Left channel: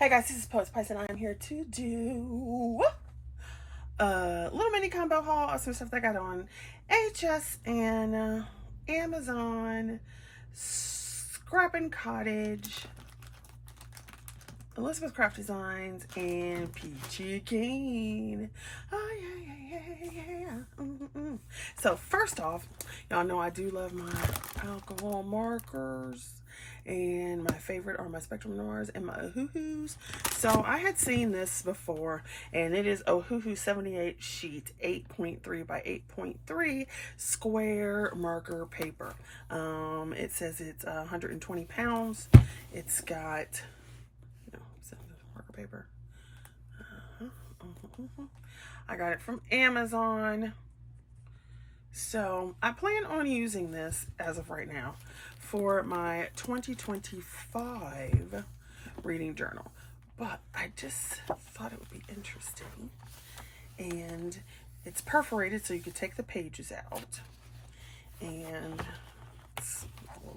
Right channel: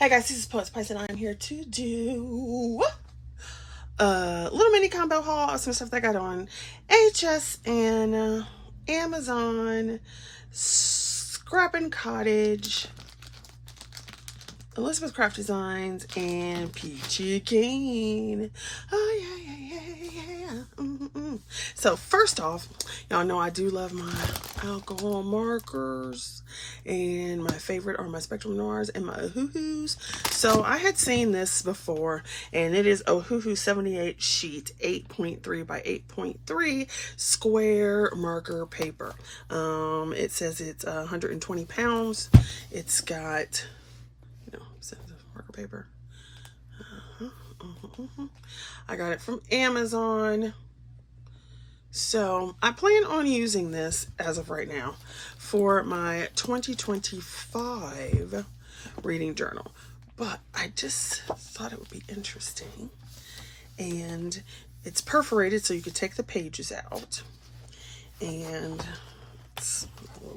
Hey guys, this is Poet Spice and I am here to do a little mini combo haul of some stuff that I got on HSN, Amazon, Scrappin' Cottage, Elizabeth Craft Designs, and Peachy Keen. Oh yeah. So first off, y'all know I do love my alcohol markers, and my favorite are my Spectrum Noirs and my Ohuhus. So I had seen this before, and it is Ohuhu 78 sheet 8.3 by 8.3 square marker paper. It says it's 120 pounds. It's got marker paper. I got it from Amazon. So I plan on using this as of right now for my 2025 reading journal, but I just thought it would be interesting. And it's perforated so you could take the pages out, and it's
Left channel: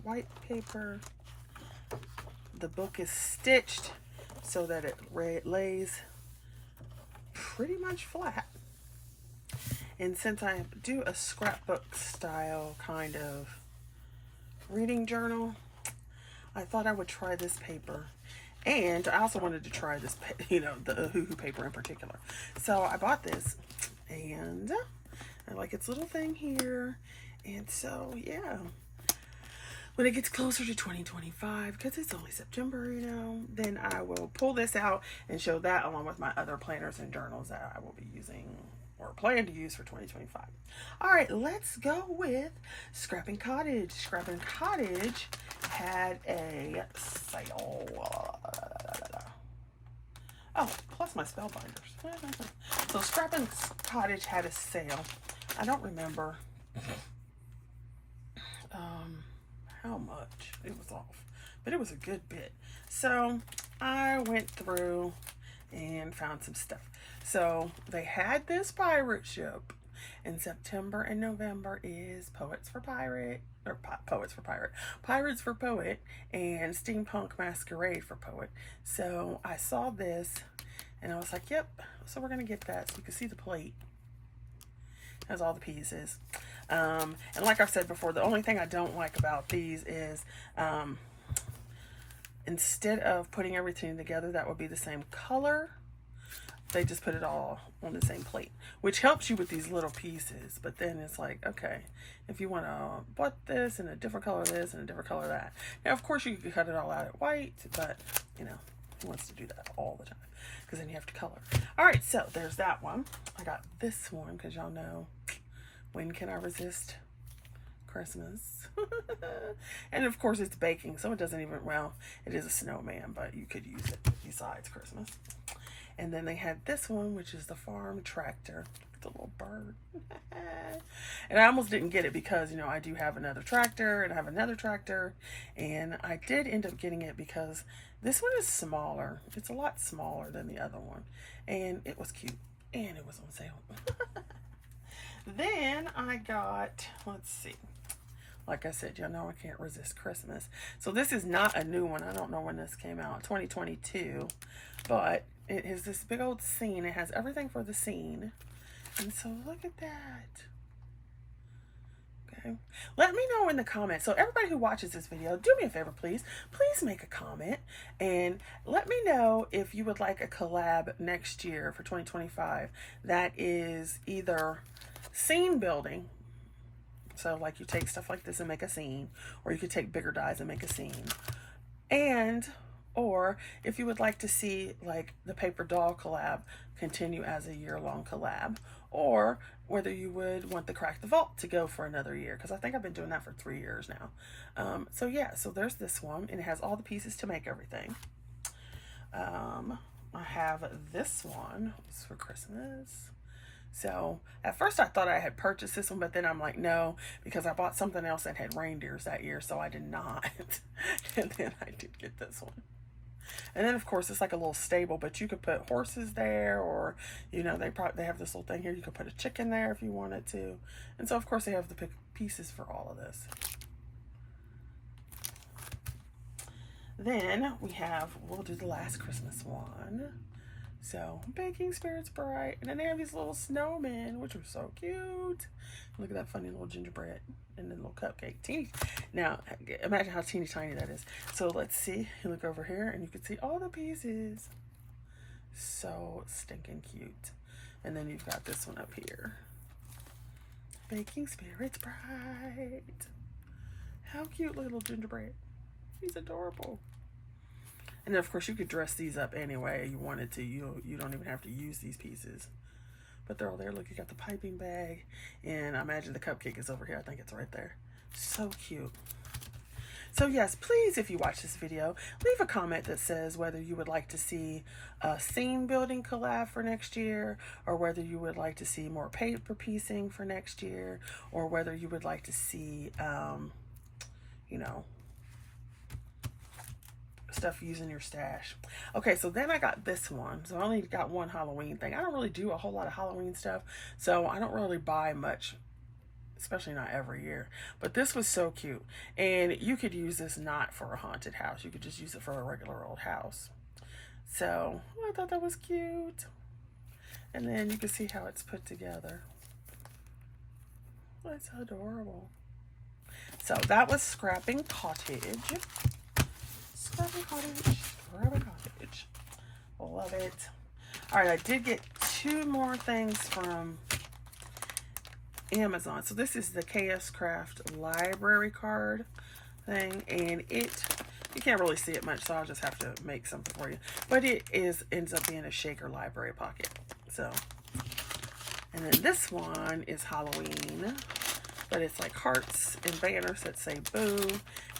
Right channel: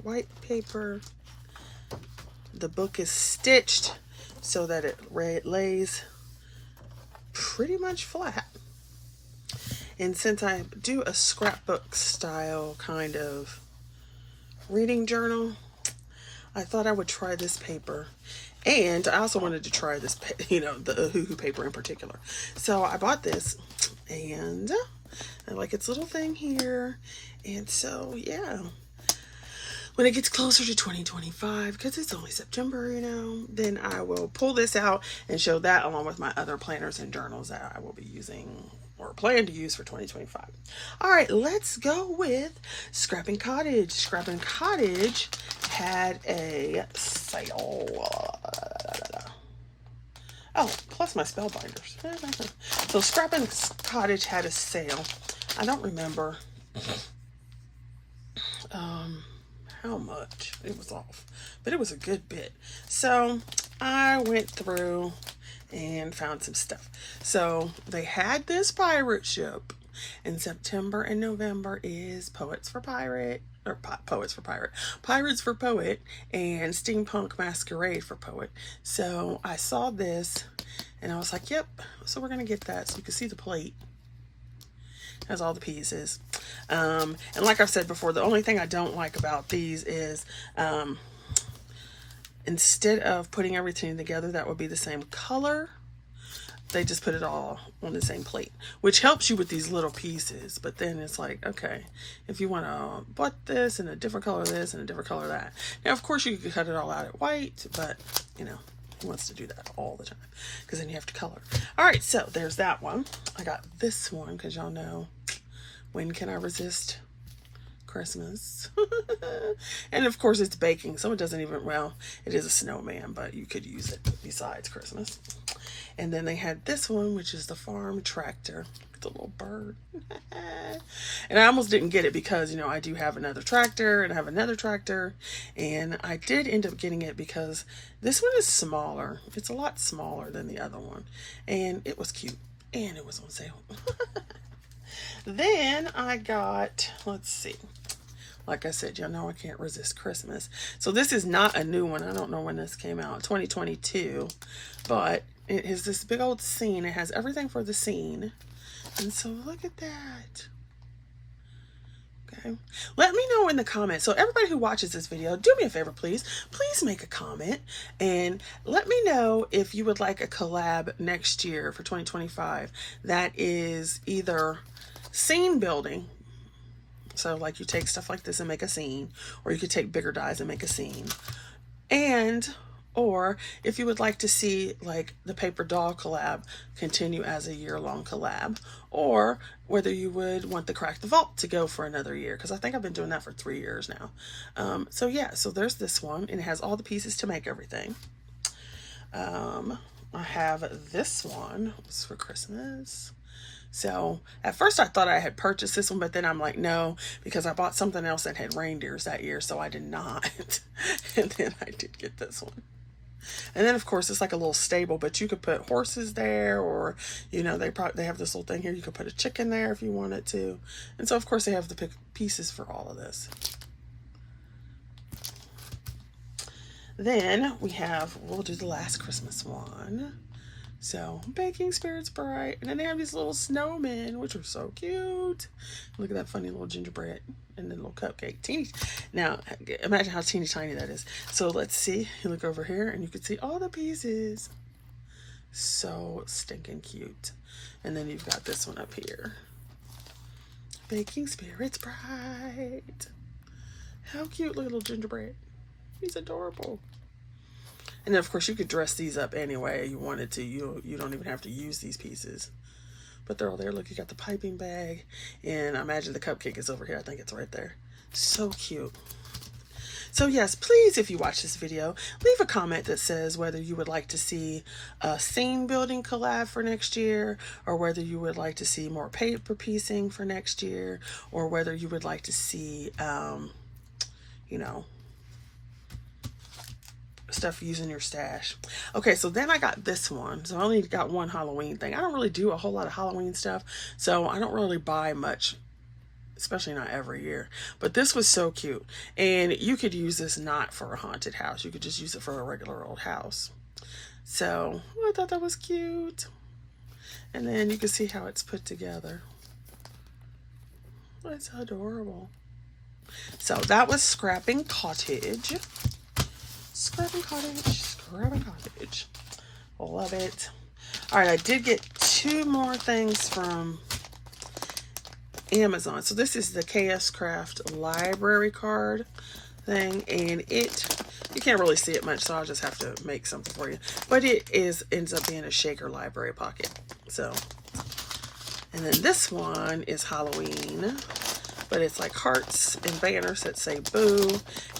white paper. The book is stitched so that it lays pretty much flat. And since I do a scrapbook style kind of reading journal, I thought I would try this paper. And I also wanted to try this, the Ohuhu paper in particular. So I bought this, and I like its little thing here. And so, yeah. When it gets closer to 2025, because it's only September, then I will pull this out and show that along with my other planners and journals that I will be using or plan to use for 2025. All right, let's go with Scrappin' Cottage. Scrappin' Cottage had a sale. Oh, plus my Spellbinders. So Scrappin' Cottage had a sale. I don't remember how much it was off, but it was a good bit. So I went through and found some stuff. So they had this pirate ship, and September and November is Pirates for Poet, and Steampunk Masquerade for Poet. So I saw this and I was like, yep, so we're gonna get that. So you can see the plate has all the pieces. And like I've said before, the only thing I don't like about these is instead of putting everything together that would be the same color, they just put it all on the same plate, which helps you with these little pieces. But then it's like, okay, if you want to put this in a different color this and a different color that. Now, of course, you could cut it all out at white, but, who wants to do that all the time? Because then you have to color. All right, so there's that one. I got this one because y'all know, when can I resist Christmas? And of course it's baking, so it doesn't even, well, it is a snowman, but you could use it besides Christmas. And then they had this one, which is the farm tractor, the little bird. And I almost didn't get it because, I do have another tractor and I have another tractor, and I did end up getting it because this one is smaller. It's a lot smaller than the other one, and it was cute, and it was on sale. Then I got, let's see, like I said, y'all know I can't resist Christmas. So this is not a new one. I don't know when this came out, 2022, but it is this big old scene. It has everything for the scene. And so look at that. Okay. Let me know in the comments. So everybody who watches this video, do me a favor, please. Please make a comment and let me know if you would like a collab next year for 2025 that is either scene building, so like you take stuff like this and make a scene, or you could take bigger dies and make a scene, or if you would like to see like the paper doll collab continue as a year-long collab, or whether you would want the Crack the Vault to go for another year, because I think I've been doing that for 3 years now. So yeah, so there's this one, and it has all the pieces to make everything. I have this one. It's for Christmas. So at first I thought I had purchased this one, but then I'm like, no, because I bought something else that had reindeers that year, so I did not. And then I did get this one. And then of course it's like a little stable, but you could put horses there, or they have this little thing here, you could put a chicken there if you wanted to. And so of course they have the pieces for all of this. Then we'll do the last Christmas one. So, baking spirits bright. And then they have these little snowmen, which are so cute. Look at that funny little gingerbread and the little cupcake. Teeny. Now, imagine how teeny tiny that is. So, let's see. You look over here and you can see all the pieces. So stinking cute. And then you've got this one up here. Baking spirits bright. How cute, little gingerbread. He's adorable. And then, of course, you could dress these up any way you wanted to. You don't even have to use these pieces. But they're all there. Look, you got the piping bag. And I imagine the cupcake is over here. I think it's right there. So cute. So, yes, please, if you watch this video, leave a comment that says whether you would like to see a scene building collab for next year, or whether you would like to see more paper piecing for next year, or whether you would like to see, you know, stuff using your stash. Okay, so then I got this one. So I only got one Halloween thing. I don't really do a whole lot of Halloween stuff, so I don't really buy much, especially not every year. But this was so cute. And you could use this not for a haunted house. You could just use it for a regular old house. So I thought that was cute. And then you can see how it's put together. It's adorable. So that was Scrapping Cottage. Scrapping Cottage. Love it. All right, I did get two more things from Amazon. So this is the KS Craft library card thing, and you can't really see it much, so I'll just have to make something for you. But it ends up being a shaker library pocket. So, and then this one is Halloween, but it's like hearts and banners that say boo.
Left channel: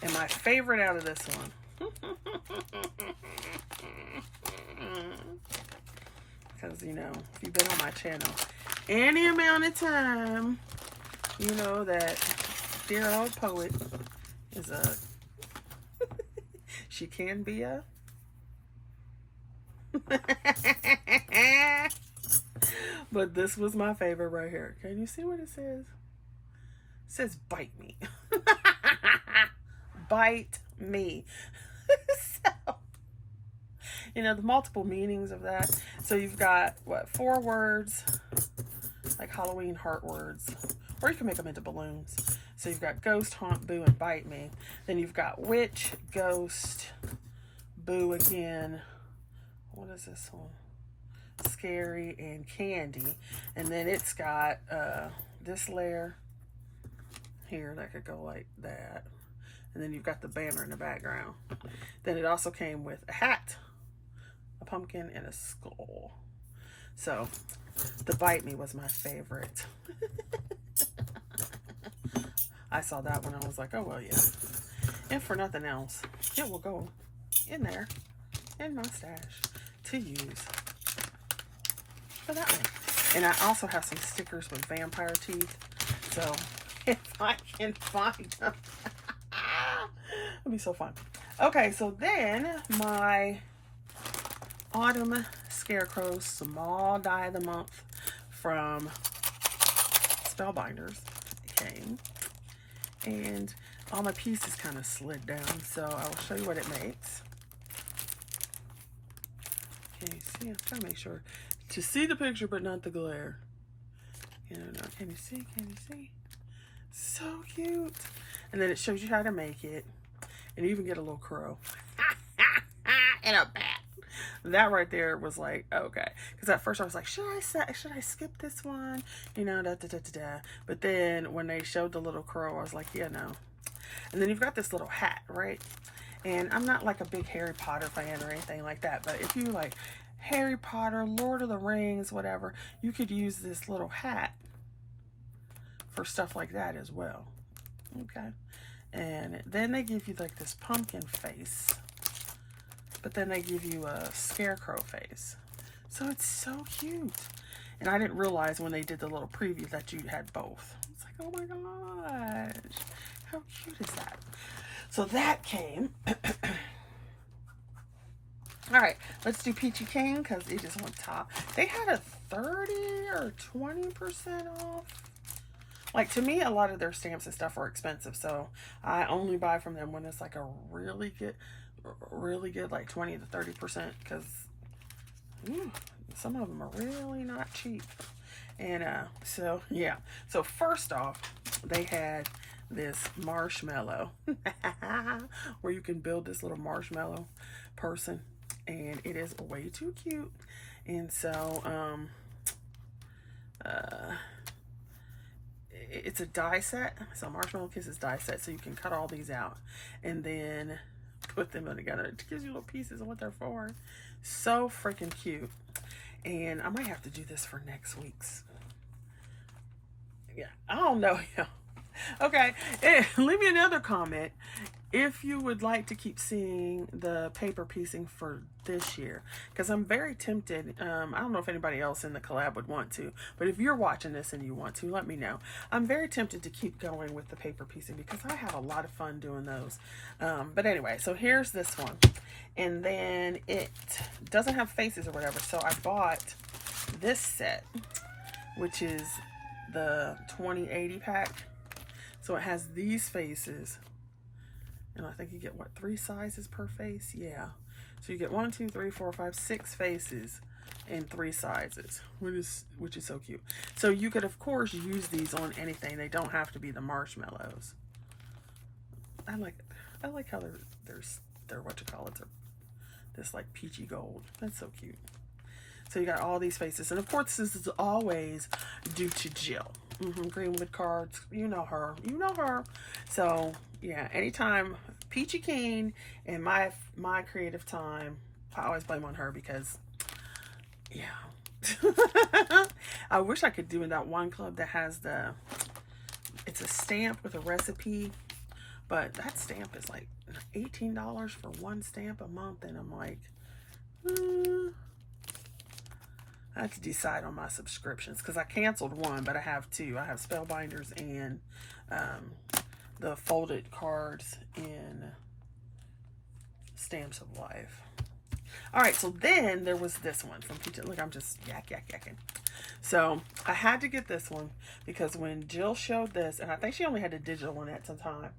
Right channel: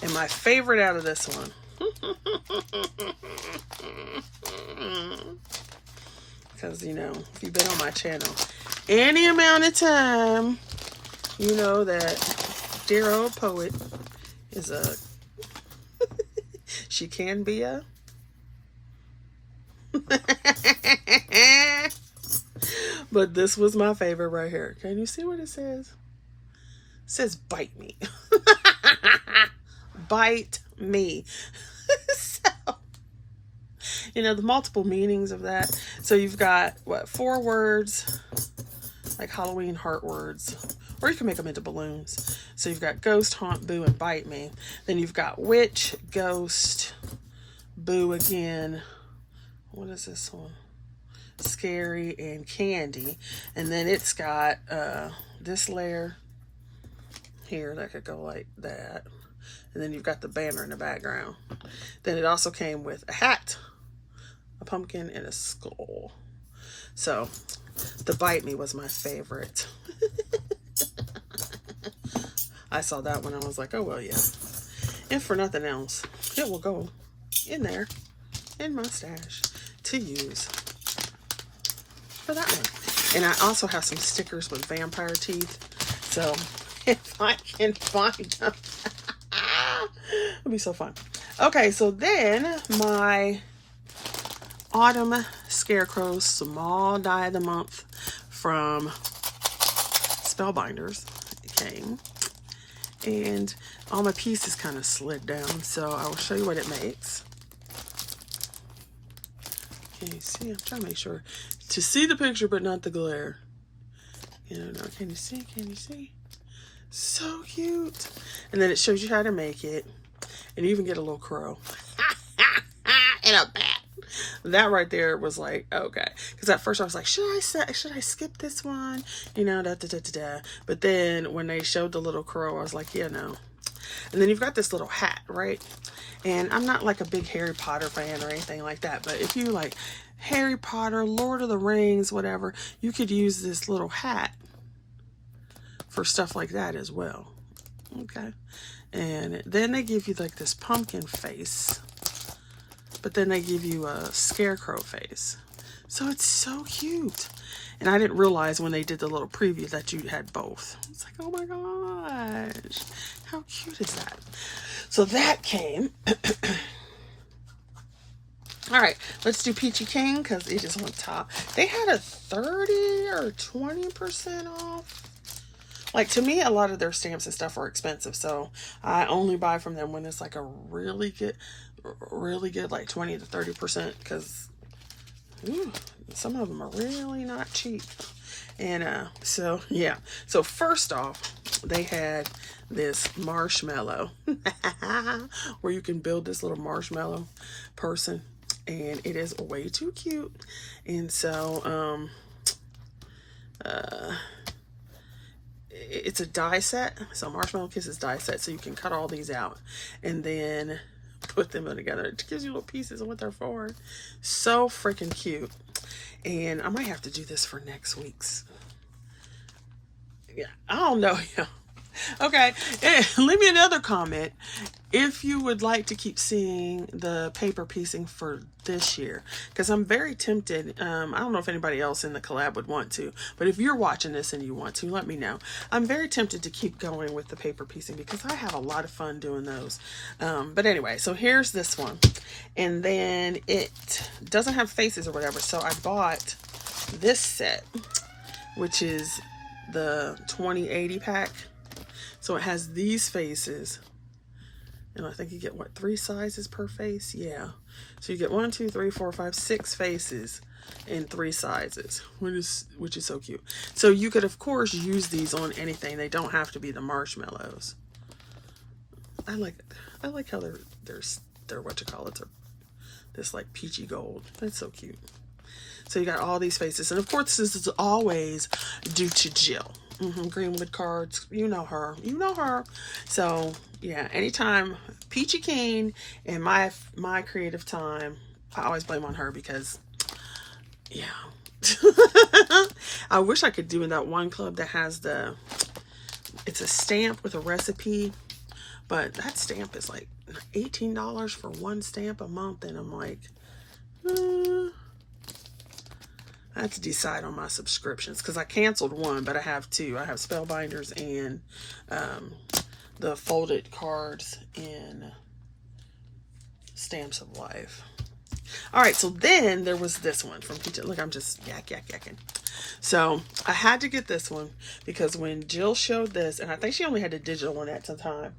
And my favorite out of this one, because you know, if you've been on my channel any amount of time, you know that dear old poet is she can be a but this was my favorite right here. Can you see what it says? It says bite me. Bite me. So, you know, the multiple meanings of that. So you've got, what, 4 words, like Halloween heart words, or you can make them into balloons. So you've got ghost, haunt, boo, and bite me. Then you've got witch, ghost, boo again. What is this one? Scary, and candy. And then it's got this layer here that could go like that. And then you've got the banner in the background. Then it also came with a hat, a pumpkin, and a skull. So the bite me was my favorite. I saw that one. I was like, oh, well, yeah. And for nothing else, it will go in there in my stash to use for that one. And I also have some stickers with vampire teeth. So if I can find them, it'll be so fun. Okay, so then my autumn scarecrow small die of the month from Spellbinders came, and all my pieces kind of slid down, so I will show you what it makes. Can you see? I'm trying to make sure to see the picture but not the glare. You know, can you see? Can you see? So cute. And then it shows you how to make it, and you even get a little crow and a bat. That right there was like, okay, because at first I was like, should I skip this one, you know, but then when they showed the little crow, I was like, yeah, no. And then you've got this little hat, right? And I'm not like a big Harry Potter fan or anything like that, but if you like Harry Potter, Lord of the Rings, whatever, you could use this little hat for stuff like that as well. Okay. And then they give you like this pumpkin face, but then they give you a scarecrow face. So it's so cute. And I didn't realize when they did the little preview that you had both. It's like, oh my gosh, how cute is that? So that came. All right, let's do Peachy Keen because it is on top. They had a 30 or 20% off. Like, to me, a lot of their stamps and stuff are expensive, so I only buy from them when it's like a really good, really good, like 20 to 30%, because some of them are really not cheap. And so yeah, so first off, they had this marshmallow where you can build this little marshmallow person, and it is way too cute. And so it's a die set. So Marshmallow Kisses die set, so you can cut all these out and then put them together. It gives you little pieces of what they're for. So freaking cute. And I might have to do this for next week's. Yeah, I don't know. Yeah. Okay, and leave me another comment if you would like to keep seeing the paper piecing for this year, because I'm very tempted. I don't know if anybody else in the collab would want to, but if you're watching this and you want to, let me know. I'm very tempted to keep going with the paper piecing because I have a lot of fun doing those. But anyway, so here's this one, and then it doesn't have faces or whatever, so I bought this set, which is the 2080 pack. So it has these faces, and I think you get, what, 3 sizes per face? Yeah. So you get 1, 2, 3, 4, 5, 6 faces in 3 sizes, which is so cute. So you could, of course, use these on anything. They don't have to be the marshmallows. I like how they're what you call it, this like peachy gold. That's so cute. So you got all these faces, and of course this is always due to Jill. Greenwood cards, you know her. So yeah, anytime Peachy Keen in my creative time, I always blame on her because yeah. I wish I could do in that one club that has it's a stamp with a recipe, but that stamp is like $18 for one stamp a month, and I'm like, I have to decide on my subscriptions because I canceled one, but I have 2. I have Spellbinders and the folded cards in Stamps of Life. All right, so then there was this one from Peachy. Look, I'm just yakking. So I had to get this one because when Jill showed this, and I think she only had the digital one at the time,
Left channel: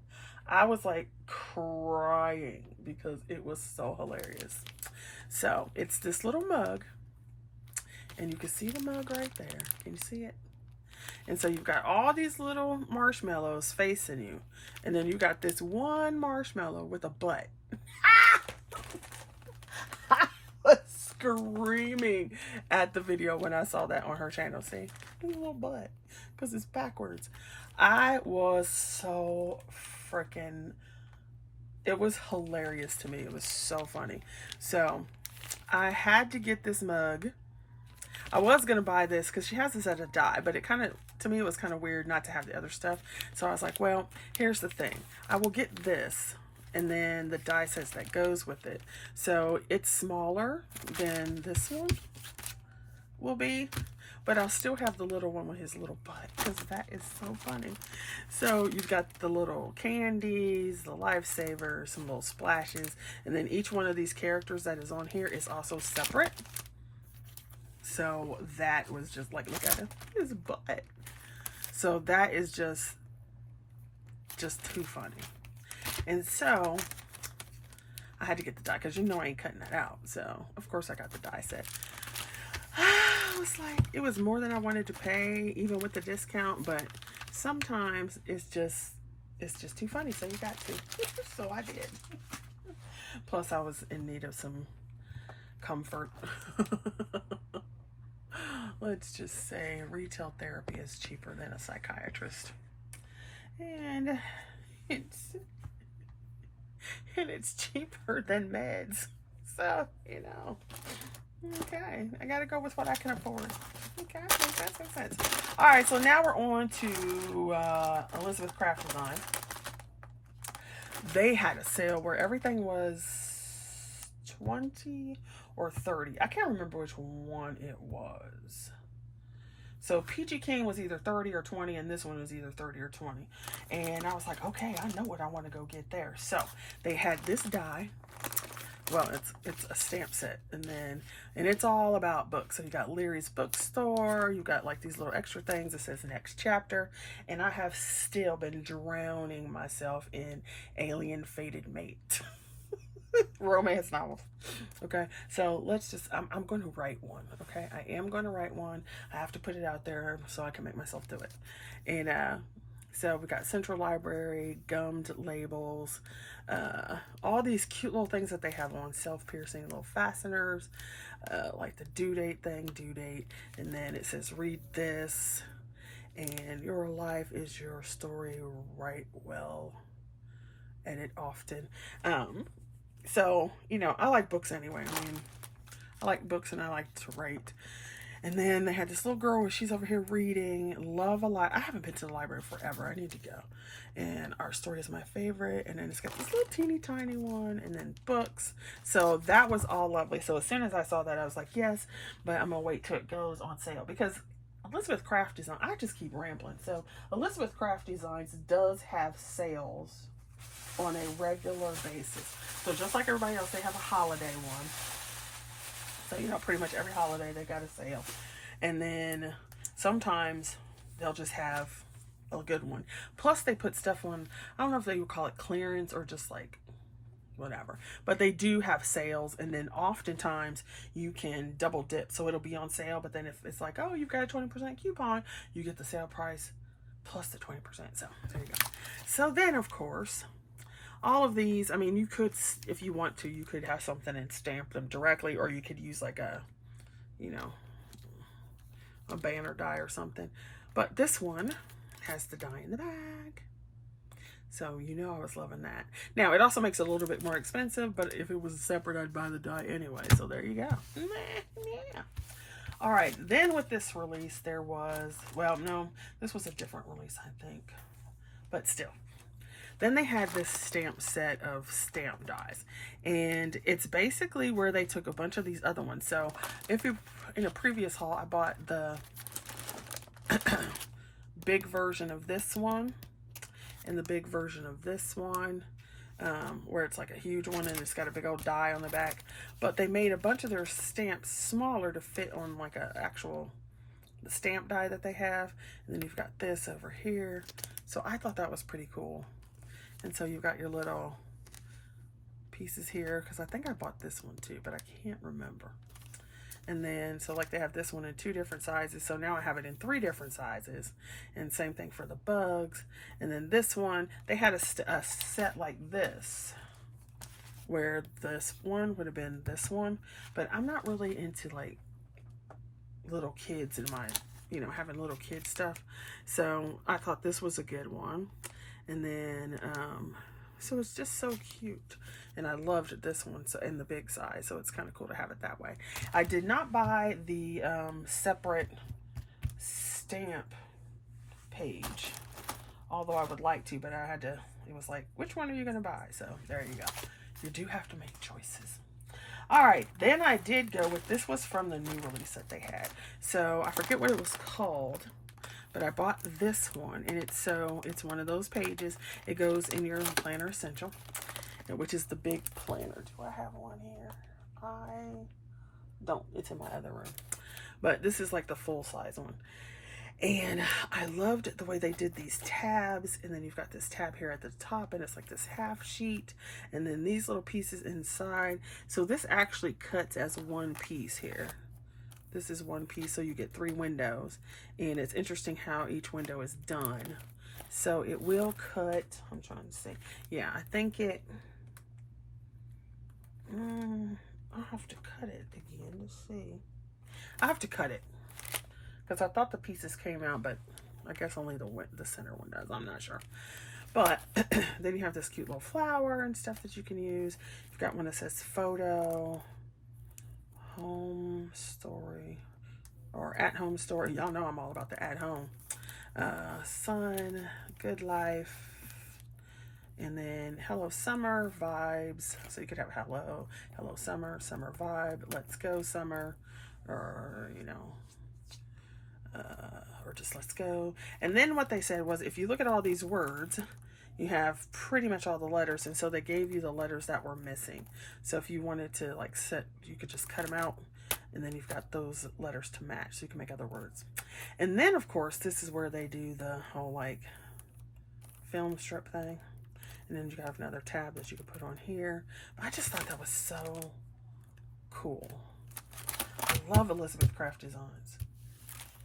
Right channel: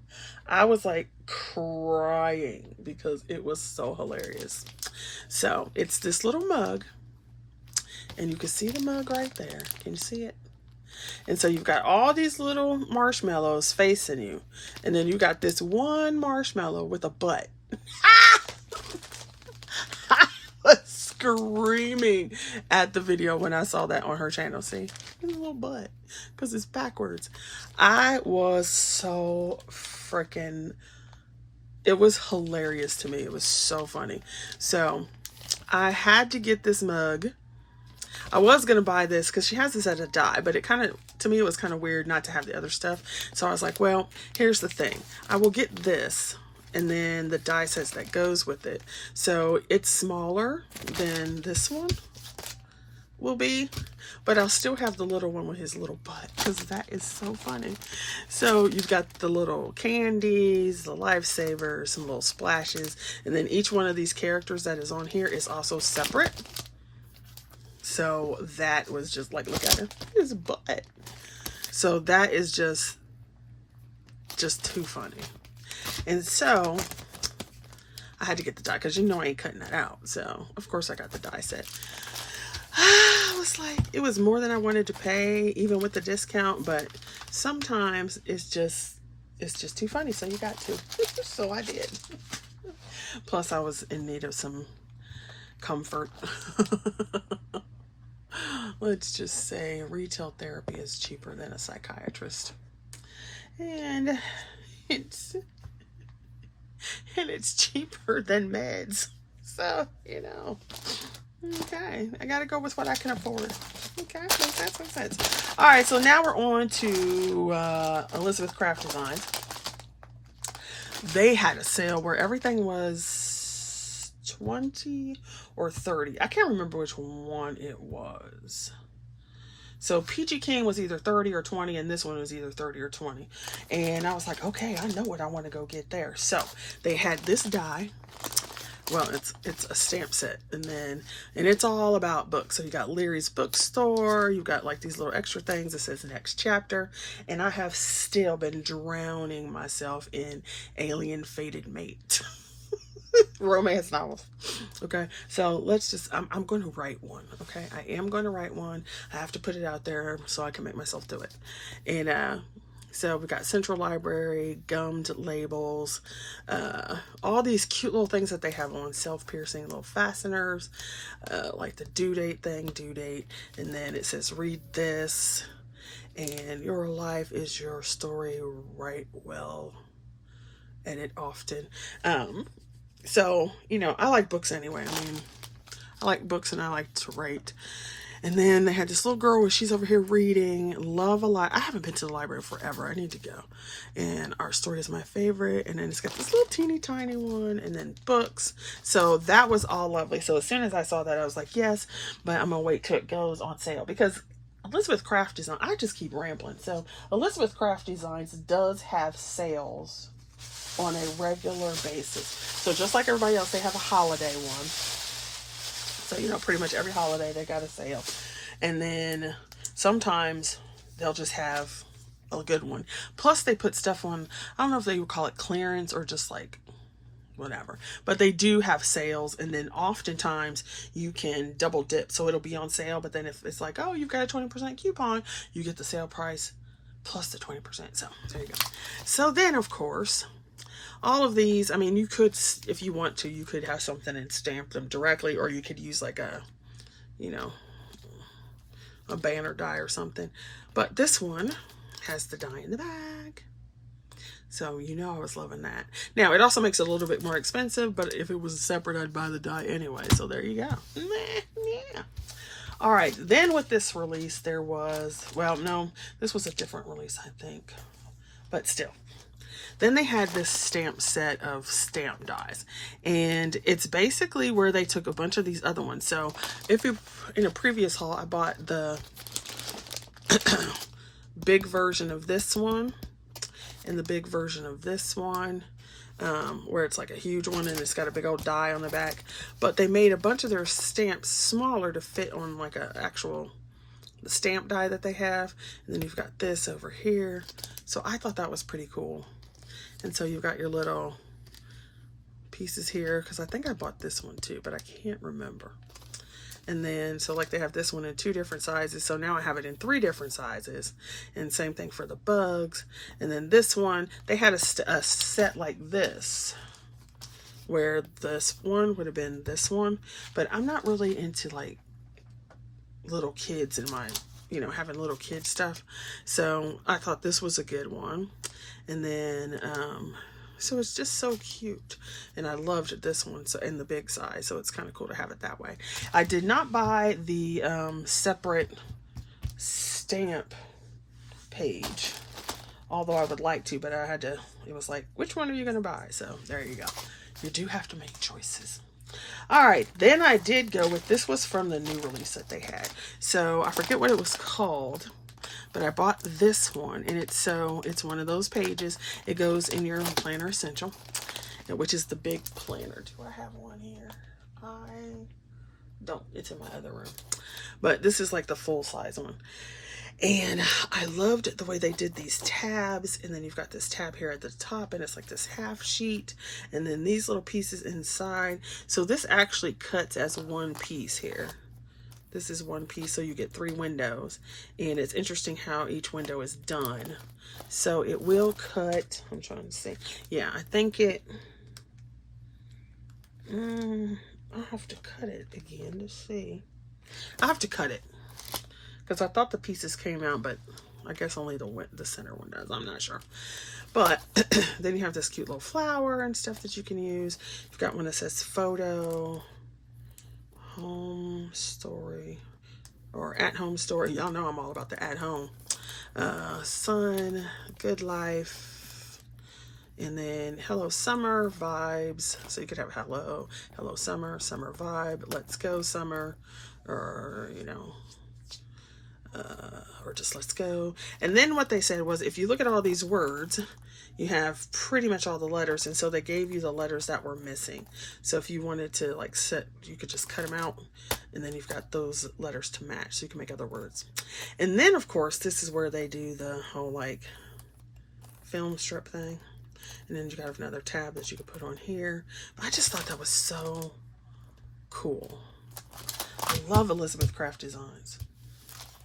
I was like crying because it was so hilarious. So it's this little mug. And you can see the mug right there. Can you see it? And so you've got all these little marshmallows facing you. And then you got this one marshmallow with a butt. I was screaming at the video when I saw that on her channel. See? A little butt. Because it's backwards. I was so freaking... It was hilarious to me. It was so funny. So I had to get this mug. I was going to buy this because she has this at a die, but it kind of, to me, it was kind of weird not to have the other stuff. So I was like, well, here's the thing. I will get this, and then the die set that goes with it. So it's smaller than this one will be, but I'll still have the little one with his little butt because that is so funny. So you've got the little candies, the lifesavers, some little splashes, and then each one of these characters that is on here is also separate. So that was just like, look at his butt. So that is just too funny. And so I had to get the die because you know I ain't cutting that out. So of course I got the die set. I was like, it was more than I wanted to pay, even with the discount, but sometimes it's just too funny. So you got to. So I did. Plus I was in need of some comfort. Let's just say retail therapy is cheaper than a psychiatrist, and it's cheaper than meds. So you know, okay, I gotta go with what I can afford. Okay, that makes sense. All right, so now we're on to Elizabeth Craft Designs. They had a sale where everything was 20 or 30. I can't remember which one it was. So Peachy Keen was either 30 or 20, and this one was either 30 or 20. And I was like, okay, I know what I want to go get there. So they had this die. Well, it's a stamp set, and it's all about books. So you got Leary's Bookstore, you got like these little extra things that says next chapter, and I have still been drowning myself in Alien Fated Mate. Romance novels. Okay, so let's just, I'm going to write one. Okay, I am going to write one. I have to put it out there so I can make myself do it. And so we got Central Library, gummed labels, all these cute little things that they have on, self-piercing little fasteners, like the due date thing, due date, and then it says read this, and your life is your story, write well, edit often. So, you know, I like books anyway. I mean, I like books and I like to write. And then they had this little girl where she's over here reading, love a lot. I haven't been to the library forever. I need to go. And Our Story is my favorite. And then it's got this little teeny tiny one, and then books. So that was all lovely. So as soon as I saw that, I was like, yes, but I'm going to wait till it goes on sale, because Elizabeth Craft Design, I just keep rambling. So Elizabeth Craft Designs does have sales on a regular basis. So just like everybody else, they have a holiday one. So, you know, pretty much every holiday they got a sale. And then sometimes they'll just have a good one. Plus they put stuff on, I don't know if they would call it clearance or just like whatever, but they do have sales. And then oftentimes you can double dip. So it'll be on sale, but then if it's like, oh, you've got a 20% coupon, you get the sale price plus the 20%. So there you go. So then, of course, all of these, I mean, you could, if you want to, you could have something and stamp them directly, or you could use like a, you know, a banner die or something. But this one has the die in the bag. So, you know, I was loving that. Now, it also makes it a little bit more expensive, but if it was separate, I'd buy the die anyway. So there you go. Yeah. All right. Then with this release, there was, well, no, this was a different release, I think, but still. Then they had this stamp set of stamp dies, and it's basically where they took a bunch of these other ones. So if you, in a previous haul, I bought the big version of this one and the big version of this one, where it's like a huge one and it's got a big old die on the back, but they made a bunch of their stamps smaller to fit on like a actual stamp die that they have. And then you've got this over here. So I thought that was pretty cool. And so you've got your little pieces here, because I think I bought this one too, but I can't remember. And then, so like they have this one in 2 different sizes. So now I have it in 3 different sizes. And same thing for the bugs. And then this one, they had a set like this, where this one would have been this one. But I'm not really into like little kids in my, you know, having little kid stuff. So I thought this was a good one. And then, so it's just so cute. And I loved this one, so in the big size. So it's kind of cool to have it that way. I did not buy the separate stamp page, although I would like to, but I had to, it was like, which one are you going to buy? So there you go. You do have to make choices. All right, then I did go with, this was from the new release that they had. So I forget what it was called, but I bought this one, and it's one of those pages. It goes in your planner essential, which is the big planner. Do I have one here? I don't. It's in my other room. But this is like the full size one. And I loved the way they did these tabs. And then you've got this tab here at the top, and it's like this half sheet. And then these little pieces inside. So this actually cuts as one piece here. This is one piece, so you get 3 windows. And it's interesting how each window is done. So it will cut, I'm trying to see. Yeah, I think it, I'll have to cut it again to see. I have to cut it, because I thought the pieces came out, but I guess only the center one does. I'm not sure. But then you have this cute little flower and stuff that you can use. You've got one that says photo, home story, or at home story. Y'all know I'm all about the at home. Sun, good life, and then hello summer vibes. So you could have hello summer, summer vibe, let's go summer, or you know, or just let's go. And then what they said was, if you look at all these words, you have pretty much all the letters, and so they gave you the letters that were missing. So if you wanted to like set, you could just cut them out, and then you've got those letters to match, so you can make other words. And then of course this is where they do the whole like film strip thing. And then you got another tab that you can put on here. But I just thought that was so cool. I love Elizabeth Craft Designs.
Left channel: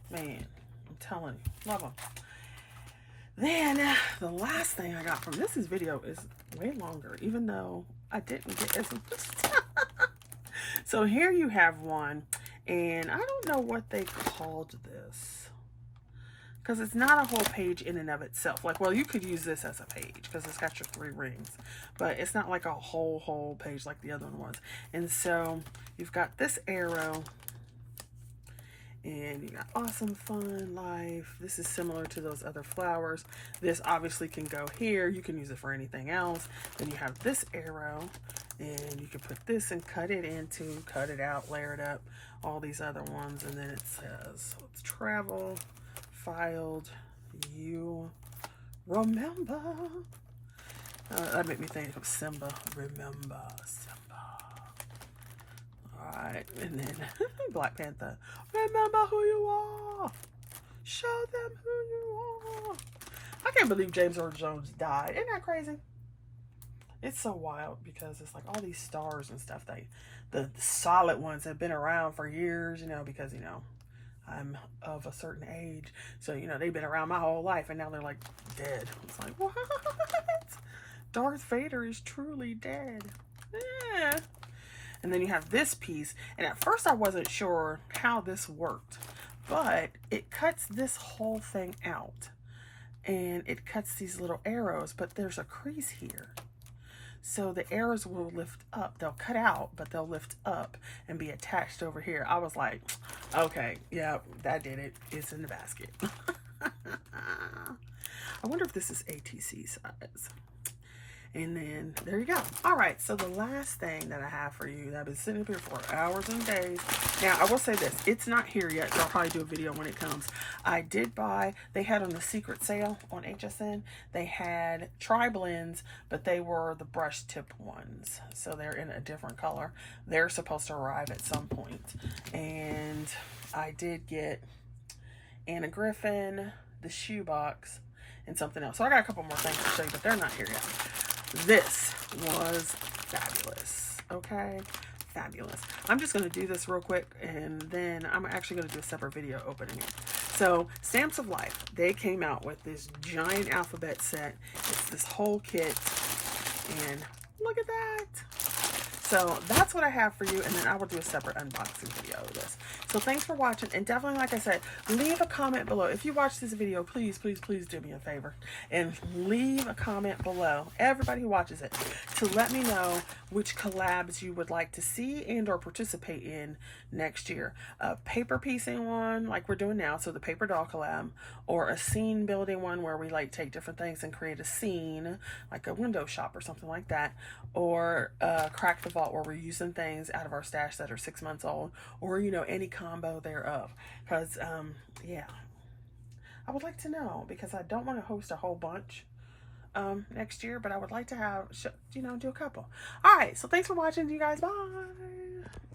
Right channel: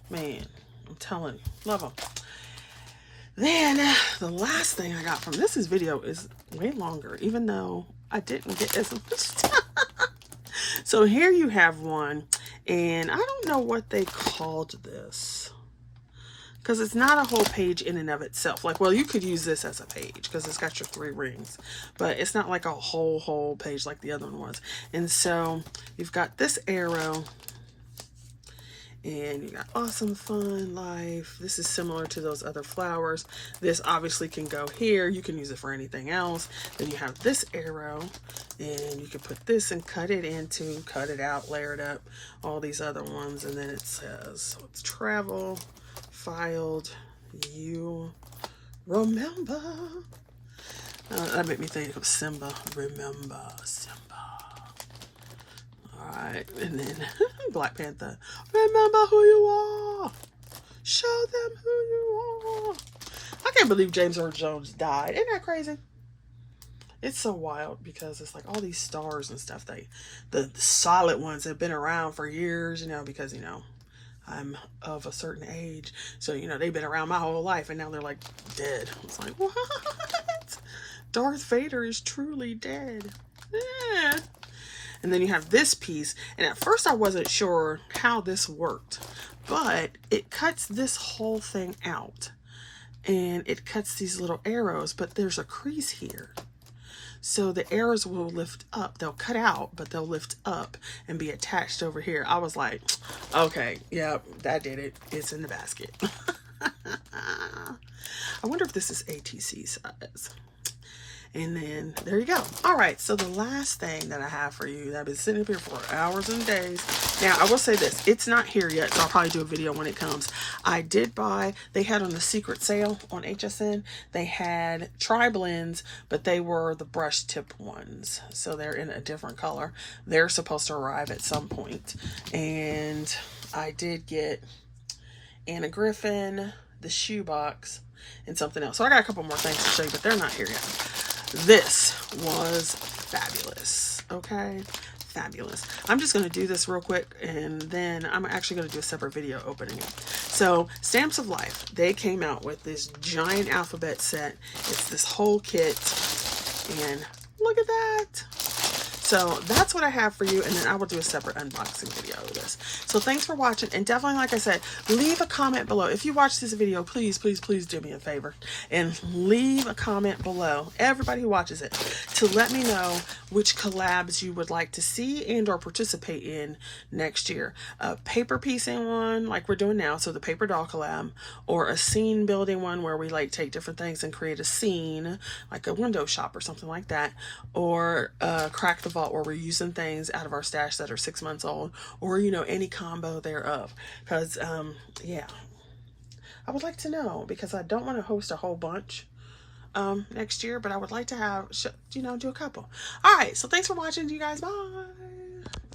Man, I'm telling you, love them. Then the last thing I got from this video is way longer, even though I didn't get as much time. So here you have one, and I don't know what they called this, because it's not a whole page in and of itself. Like, well, you could use this as a page because it's got your 3 rings, but it's not like a whole page like the other one was. And so you've got this arrow, and you got awesome, fun, life. This is similar to those other flowers. This obviously can go here. You can use it for anything else. Then you have this arrow, and you can put this and cut it into, cut it out, layer it up, all these other ones. And then it says, so it's travel, filed, you remember. That made me think of Simba. Remember Simba. Alright, and then Black Panther. Remember who you are. Show them who you are. I can't believe James Earl Jones died. Isn't that crazy? It's so wild because it's like all these stars and stuff. The solid ones have been around for years, you know, because, you know, I'm of a certain age. So, you know, they've been around my whole life and now they're like dead. It's like, what? Darth Vader is truly dead. Yeah. And then you have this piece, and at first I wasn't sure how this worked, but it cuts this whole thing out, and it cuts these little arrows, but there's a crease here. So the arrows will lift up. They'll cut out, but they'll lift up and be attached over here. I was like, okay, yeah, that did it. It's in the basket. I wonder if this is ATC size. And then there you go. All right, so the last thing that I have for you that I've been sitting up here for hours and days. Now, I will say this. It's not here yet, so I'll probably do a video when it comes. I did buy, they had on a secret sale on HSN, they had tri-blends, but they were the brush tip ones. So they're in a different color. They're supposed to arrive at some point. And I did get Anna Griffin, the shoebox, and something else. So I got a couple more things to show you, but they're not here yet. This was fabulous. Okay, fabulous. I'm just going to do this real quick, and then I'm actually going to do a separate video opening it. So Stamps of Life, they came out with this giant alphabet set. It's this whole kit, and look at that. So that's what I have for you, and then I will do a separate unboxing video of this. So thanks for watching, and definitely, like I said, leave a comment below. If you watch this video, please, please, please do me a favor and leave a comment below, everybody who watches it, to let me know which collabs you would like to see and or participate in next year. A paper piecing one like we're doing now, so the paper doll collab, or a scene building one where we like take different things and create a scene, like a window shop or something like that, or Crack the Vault, where we're using things out of our stash that are 6 months old, or, you know, any combo thereof. Because yeah, I would like to know, because I don't want to host a whole bunch next year, but I would like to have, you know, do a couple. All right, so thanks for watching, you guys. Bye.